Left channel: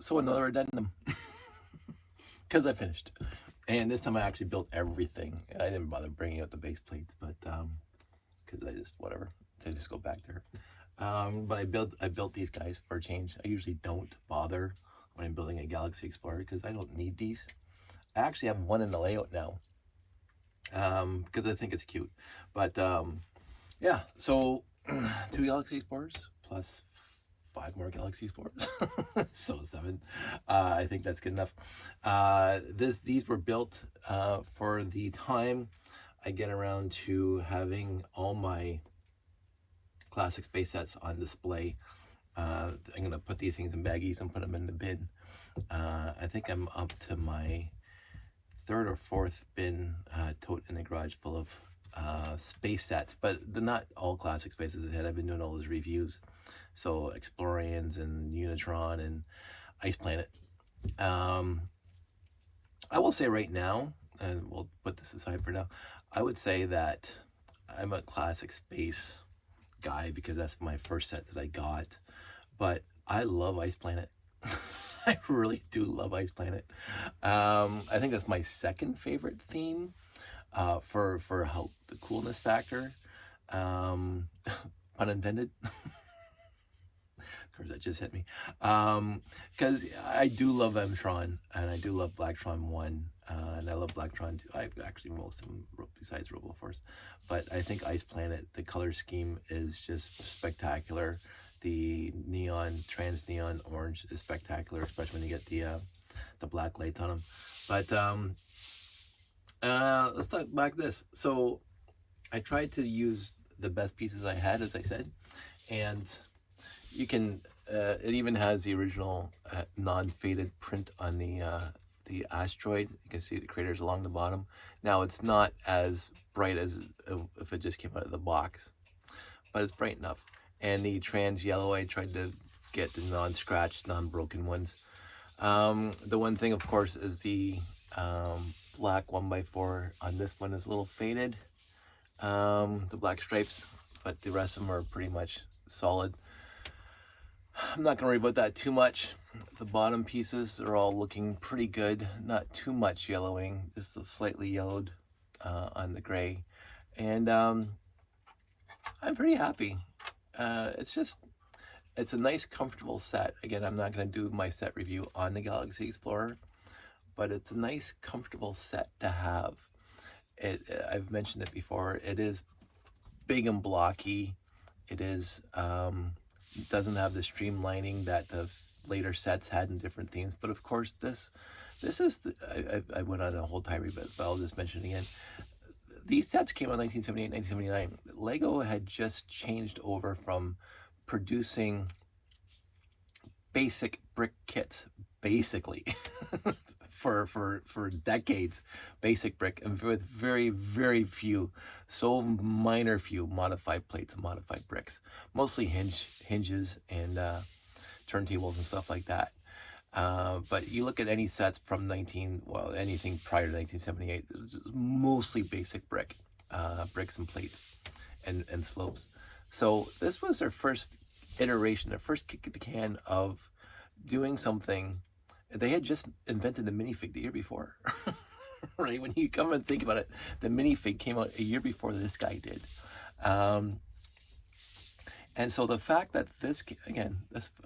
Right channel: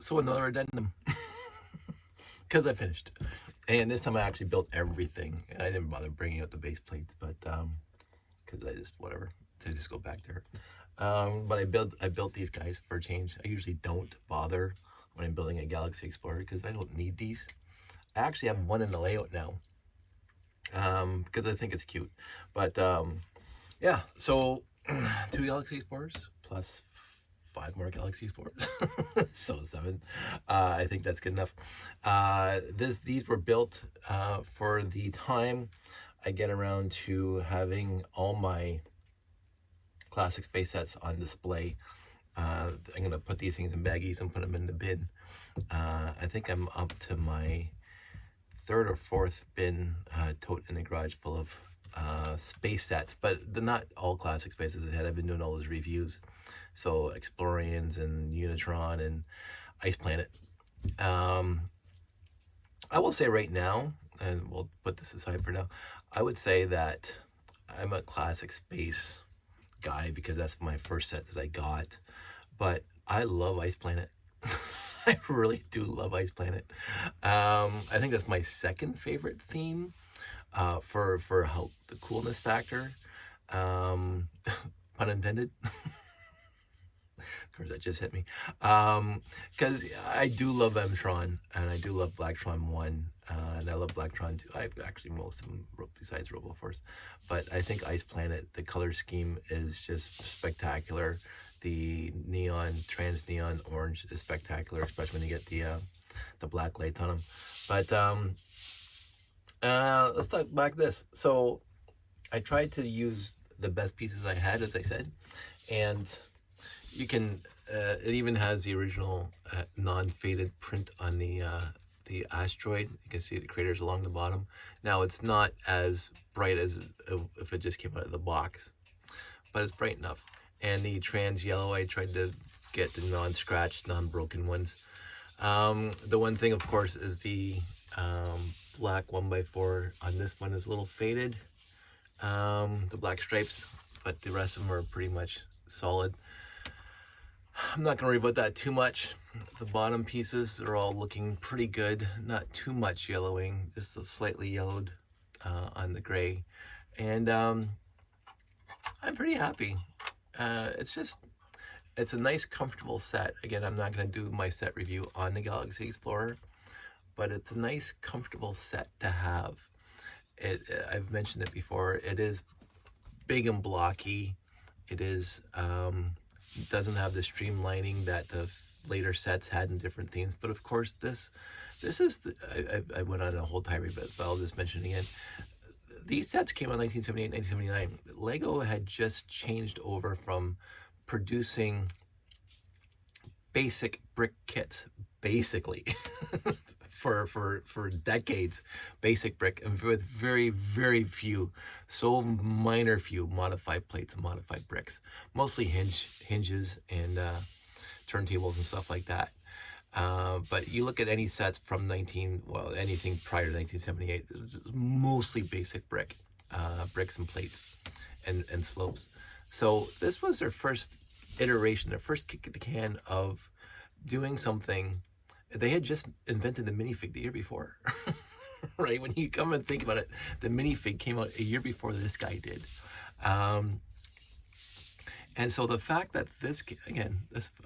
So another addendum, because I finished. And this time I actually built everything. I didn't bother bringing out the base plates, but because I just, whatever, to just go back to her. But I built these guys for a change. I usually don't bother when I'm building a Galaxy Explorer because I don't need these. I actually have one in the layout now because I think it's cute. But yeah, so 2 Galaxy Explorers plus 5 more Galaxy Explorers, so 7. I think that's good enough. These were built for the time I get around to having all my classic space sets on display. I'm gonna put these things in baggies and put them in the bin. I think I'm up to my 3rd or 4th bin tote in the garage full of space sets, but they're not all classic spaces ahead. I've been doing all those reviews, so Explorians and Unitron and Ice Planet. I will say right now, and we'll put this aside for now, I would say that I'm a classic space guy because that's my first set that I got, but I love Ice Planet. I really do love Ice Planet. I think that's my 2nd favorite theme for how the coolness factor, pun intended. Of course, that just hit me. Because I do love Mtron, and I do love Blacktron 1, and I love Blacktron 2. I actually most of them besides RoboForce, but I think Ice Planet, the color scheme is just spectacular. The neon, trans neon orange is spectacular, especially when you get the black lights on them. But let's talk back this. So I tried to use the best pieces I had, as I said, and you can. It even has the original non-faded print on the asteroid. You can see the craters along the bottom. Now it's not as bright as if it just came out of the box, but it's bright enough. And the trans yellow, I tried to get the non-scratched, non-broken ones. The one thing, of course, is the black 1x4 on this one is a little faded, the black stripes, but the rest of them are pretty much solid. I'm not going to worry about that too much. The bottom pieces are all looking pretty good, not too much yellowing, just a slightly yellowed on the gray. And I'm pretty happy. It's a nice, comfortable set. Again, I'm not going to do my set review on the Galaxy Explorer, but it's a nice, comfortable set to have. I've mentioned it before. It is big and blocky. It is doesn't have the streamlining that the later sets had in different themes. But of course, this is I went on a whole tirade, but I'll just mention it again. These sets came out in 1978, 1979. Lego had just changed over from producing basic brick kits, basically, for decades, basic brick, and with very, very few, so minor few modified plates and modified bricks, mostly hinges and turntables and stuff like that. But you look at any sets from anything prior to 1978, it's mostly basic bricks and plates and slopes. So this was their first iteration, their first kick at the can of doing something. They had just invented the minifig the year before, right? When you come and think about it, the minifig came out a year before this guy did. And so the fact that this, again,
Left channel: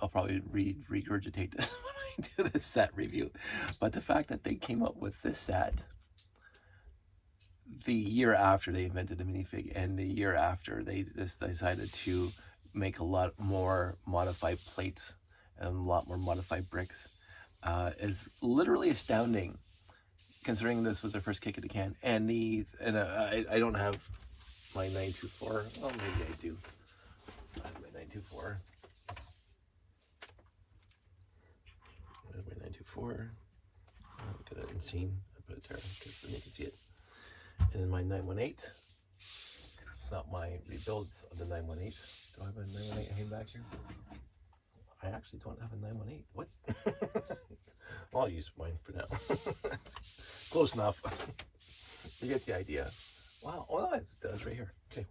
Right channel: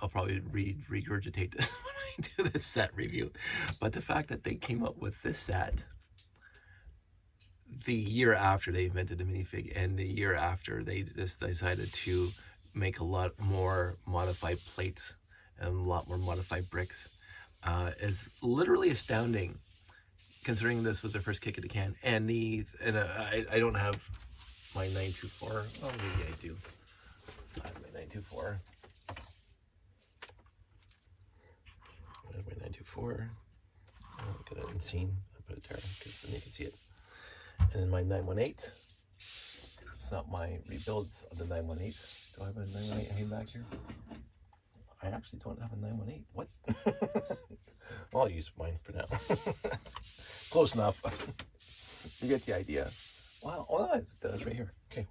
I'll probably regurgitate this when I do this set review, but the fact that they came up with this set the year after they invented the minifig, and the year after they just decided to make a lot more modified plates and a lot more modified bricks, is literally astounding, considering this was their first kick at the can. And I don't have my 924. Well, maybe I do. I have my 924. There's my 924. Look at it unseen. I put it there because then you can see it. And then my 918. It's not my rebuilds of the 918. Do I have a 918 hanging back here? I actually don't have a 918. What? Well, I'll use mine for now. Close enough. You get the idea. Wow. Oh, it does right here. Okay.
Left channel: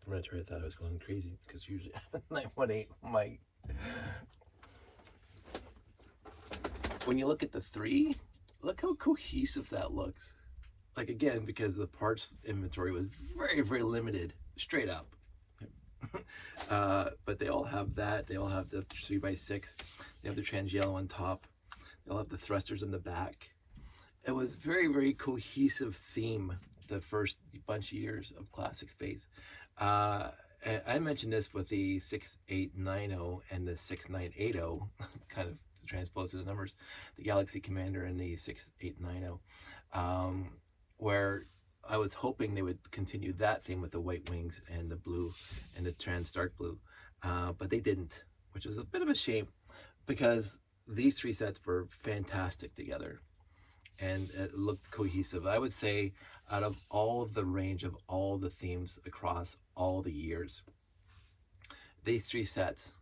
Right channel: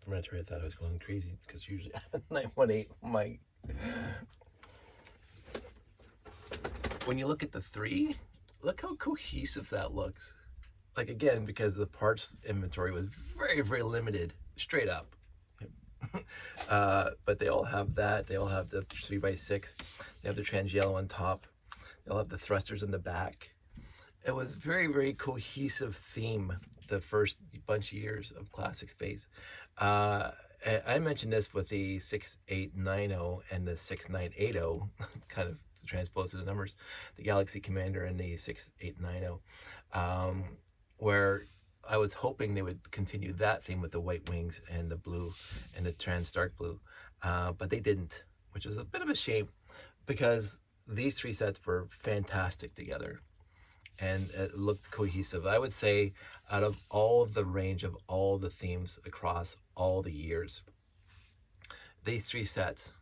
For a minute, I thought I was going crazy because usually I have a 918. when you look at the 3, look how cohesive that looks. Like, again, because the parts inventory was very, very limited, straight up. But they all have that. They all have the 3x6. They have the trans yellow on top. They'll have the thrusters in the back. It was very, very cohesive theme the first bunch of years of Classic Space. I mentioned this with the 6890 and the 6980, kind of transposed to the numbers, the Galaxy Commander and the 6890, where I was hoping they would continue that theme with the white wings and the blue and the trans dark blue, but they didn't, which is a bit of a shame because these 3 sets were fantastic together and it looked cohesive. I would say out of all the range of all the themes across all the years, these 3 sets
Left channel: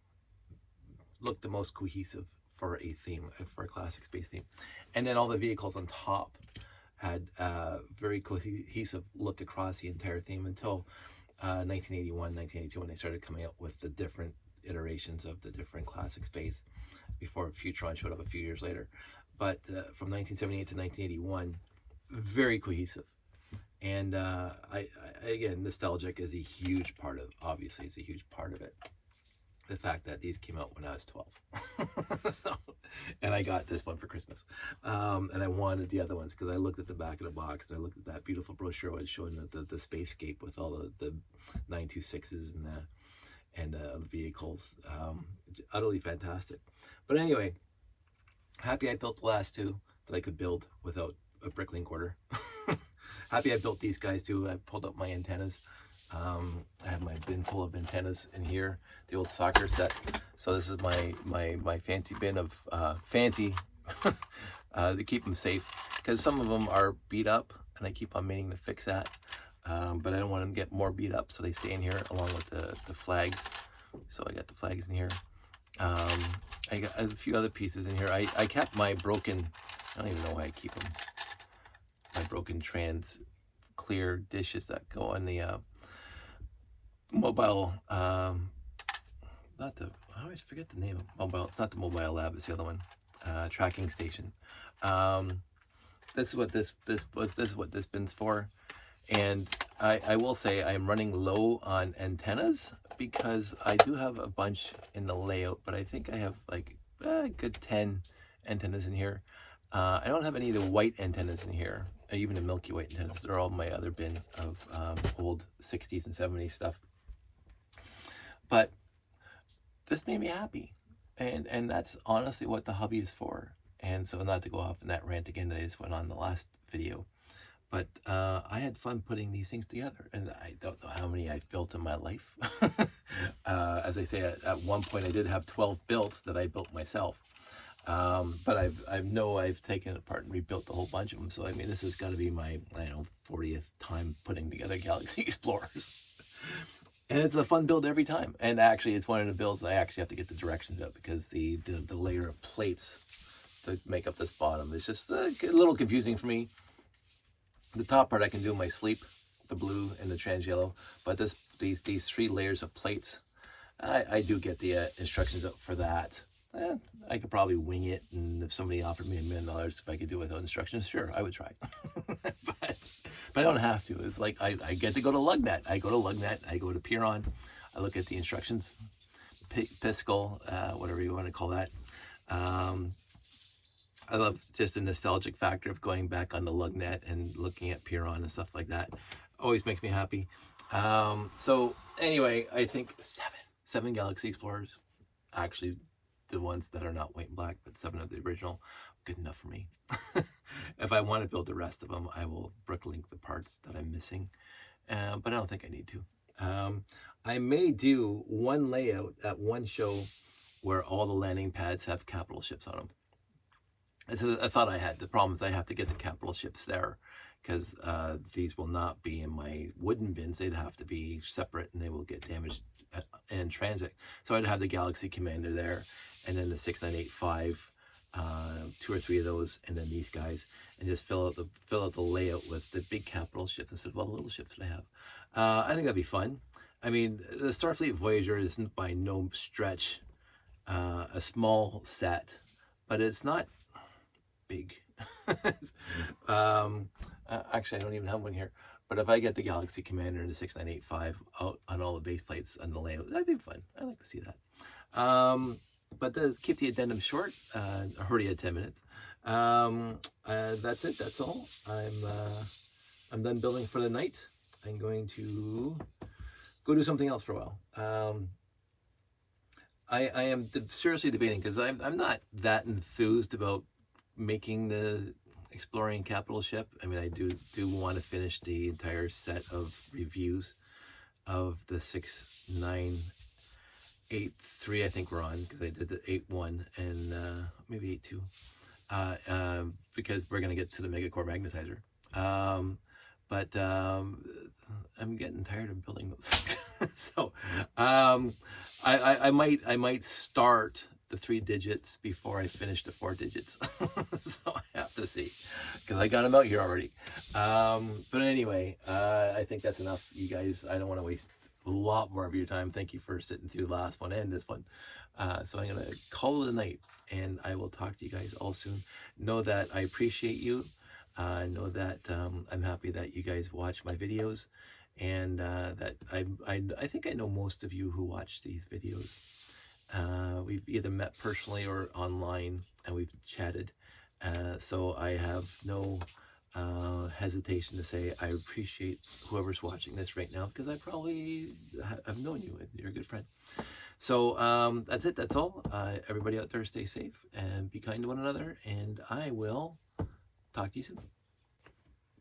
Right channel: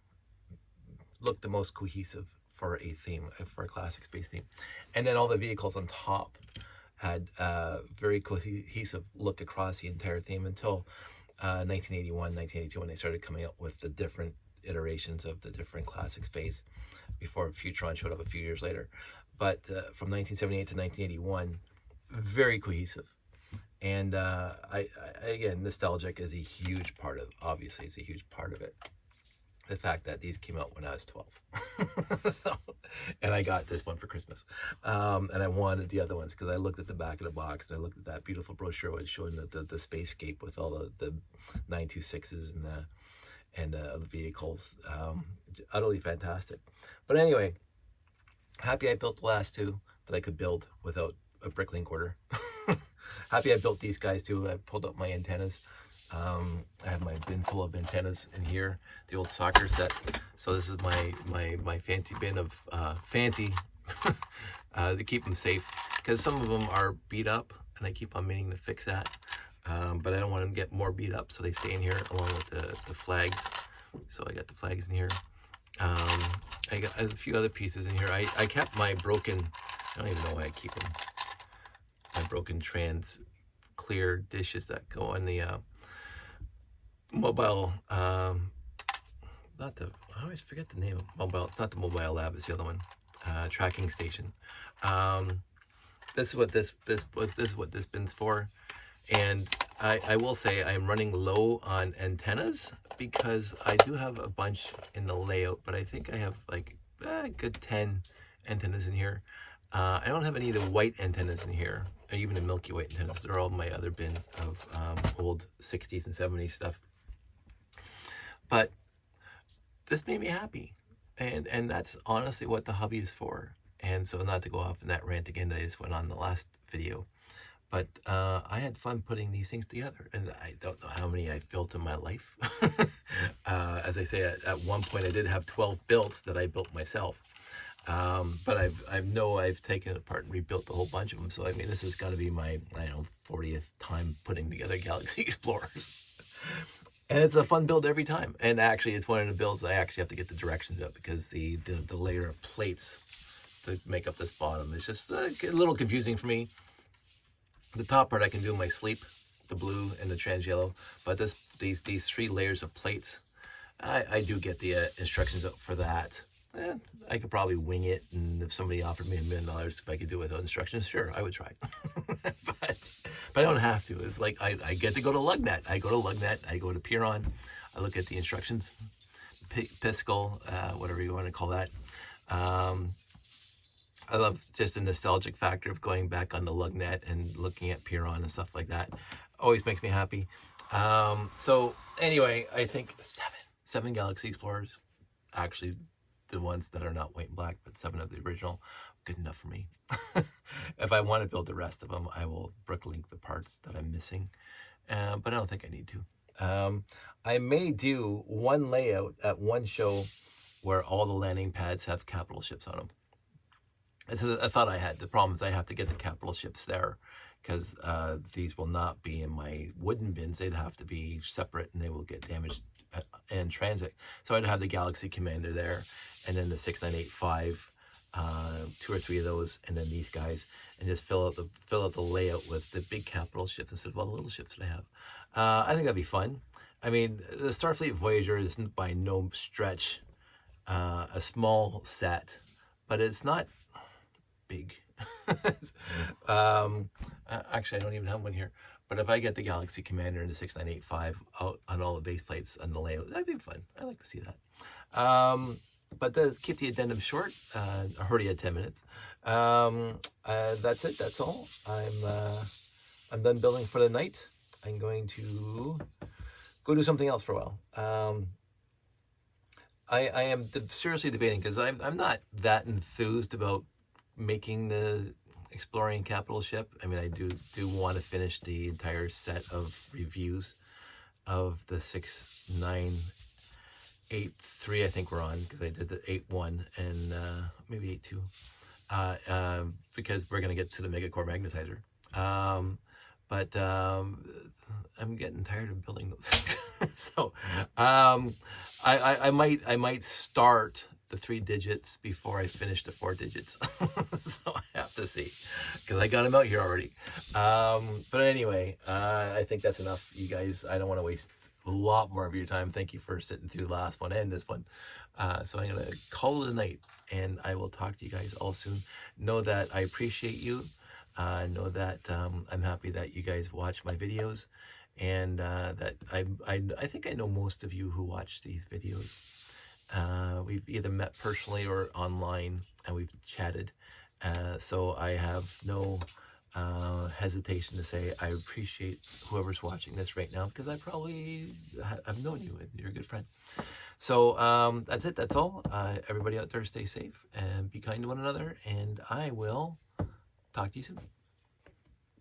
looked the most cohesive for a theme, for a Classic Space theme. And then all the vehicles on top had a very cohesive look across the entire theme until 1981, 1982, when they started coming up with the different iterations of the different Classic Space before Futron showed up a few years later. But from 1978 to 1981, very cohesive. And I again, nostalgic is a huge part of, obviously it's a huge part of it. The fact that these came out when I was 12. So, and I got this one for Christmas. And I wanted the other ones because I looked at the back of the box and I looked at that beautiful brochure where it's showing the spacescape with all the 926s and the vehicles. Utterly fantastic. But anyway, happy I built the last 2 that I could build without a bricklink order. Happy I built these guys too. I pulled up my antennas. I have my bin full of antennas in here, the old soccer set. So this is my fancy bin of fancy to keep them safe, because some of them are beat up and I keep on meaning to fix that. But I don't want them to get more beat up, so they stay in here along with the flags. So I got the flags in here. I got a few other pieces in here. I kept my broken, I don't even know why I keep them, my broken trans clear dishes that go on the mobile, not the, I always forget the name of mobile, not the mobile lab, it's the other one, tracking station. This is what this is what this bin's for. And I will say I'm running low on antennas because I do have a bunch in the layout, but I think I have like a good 10 antennas in here. I don't have any of the white antennas in here, or even the Milky White antennas. They're all my other bin of old 60s and 70s stuff. But this made me happy, and that's honestly what the hobby is for. And so, not to go off in that rant again that I just went on in the last video, but I had fun putting these things together, and I don't know how many I've built in my life. As I say, at one point I did have 12 built that I built myself. But I've taken it apart and rebuilt a whole bunch of them. So I mean, this has got to be my, I don't know, 40th time putting together Galaxy Explorers. And it's a fun build every time. And actually, it's one of the builds I actually have to get the directions out, because the layer of plates that make up this bottom is just a little confusing for me. The top part I can do in my sleep, the blue and the trans yellow, but these 3 layers of plates, I do get the instructions out for that. I could probably wing it, and if somebody offered me $1 million if I could do it without instructions, sure, I would try. but I don't have to. It's like I get to go to LugNet. I go to LugNet, I go to Piron, I look at the instructions, Piscal, whatever you want to call that. I love just the nostalgic factor of going back on the LugNet and looking at Piron and stuff like that. Always makes me happy. So anyway, I think 7 Galaxy Explorers, actually the ones that are not white and black, but 7 of the original, good enough for me. If I want to build the rest of them, I will bricklink the parts that I'm missing, but I don't think I need to. I may do one layout at one show where all the landing pads have capital ships on them. I thought I had. The problem is I have to get the capital ships there, because these will not be in my wooden bins. They'd have to be separate, and they will get damaged in transit. So I'd have the Galaxy Commander there, and then the 6985, 2 or 3 of those, and then these guys, and just fill out the layout with the big capital ships instead of all the little ships that I have. I think that'd be fun. I mean, the Starfleet Voyager is by no stretch a small set, but it's not. big. Actually, I don't even have one here. But if I get the Galaxy Commander and the 6985 out on all the base plates and the layout, that'd be fun. I'd like to see that. But let's keep the addendum short. I already had 10 minutes. That's it. That's all. I'm done building for the night. I'm going to go do something else for a while. I am seriously debating, because I'm not that enthused about making the exploring capital ship. I mean, I do want to finish the entire set of reviews of the 6983. I think we're on, because I did the 81 and maybe 82, because we're gonna get to the Megacore magnetizer. But I'm getting tired of building those things. So I might start the 3 digits before I finish the 4 digits. So I have to see, because I got them out here already. But anyway, I think that's enough, you guys. I don't want to waste a lot more of your time. Thank you for sitting through the last one and this one. So I'm going to call it a night, and I will talk to you guys all soon. Know that I appreciate you. Know that I'm happy that you guys watch my videos, and that I think I know most of you who watch these videos. We've either met personally or online, and we've chatted. So I have no hesitation to say I appreciate whoever's watching this right now, because I've known you and you're a good friend. So that's it. That's all. Everybody out there, stay safe and be kind to one another, and I will talk to you soon.